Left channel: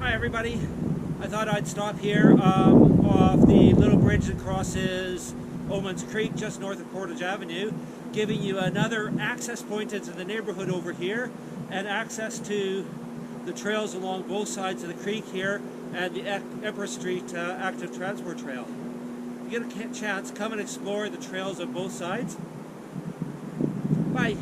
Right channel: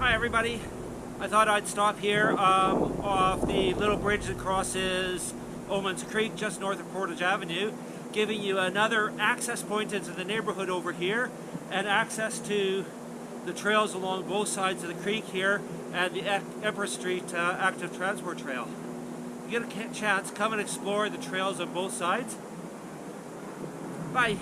Hi everybody. I thought I'd stop here off the little bridge that crosses Omand's Creek just north of Portage Avenue, giving you another access point into the neighborhood over here and access to the trails along both sides of the creek here and the Empress Street active transport trail. If you get a chance, come and explore the trails on both sides. Bye.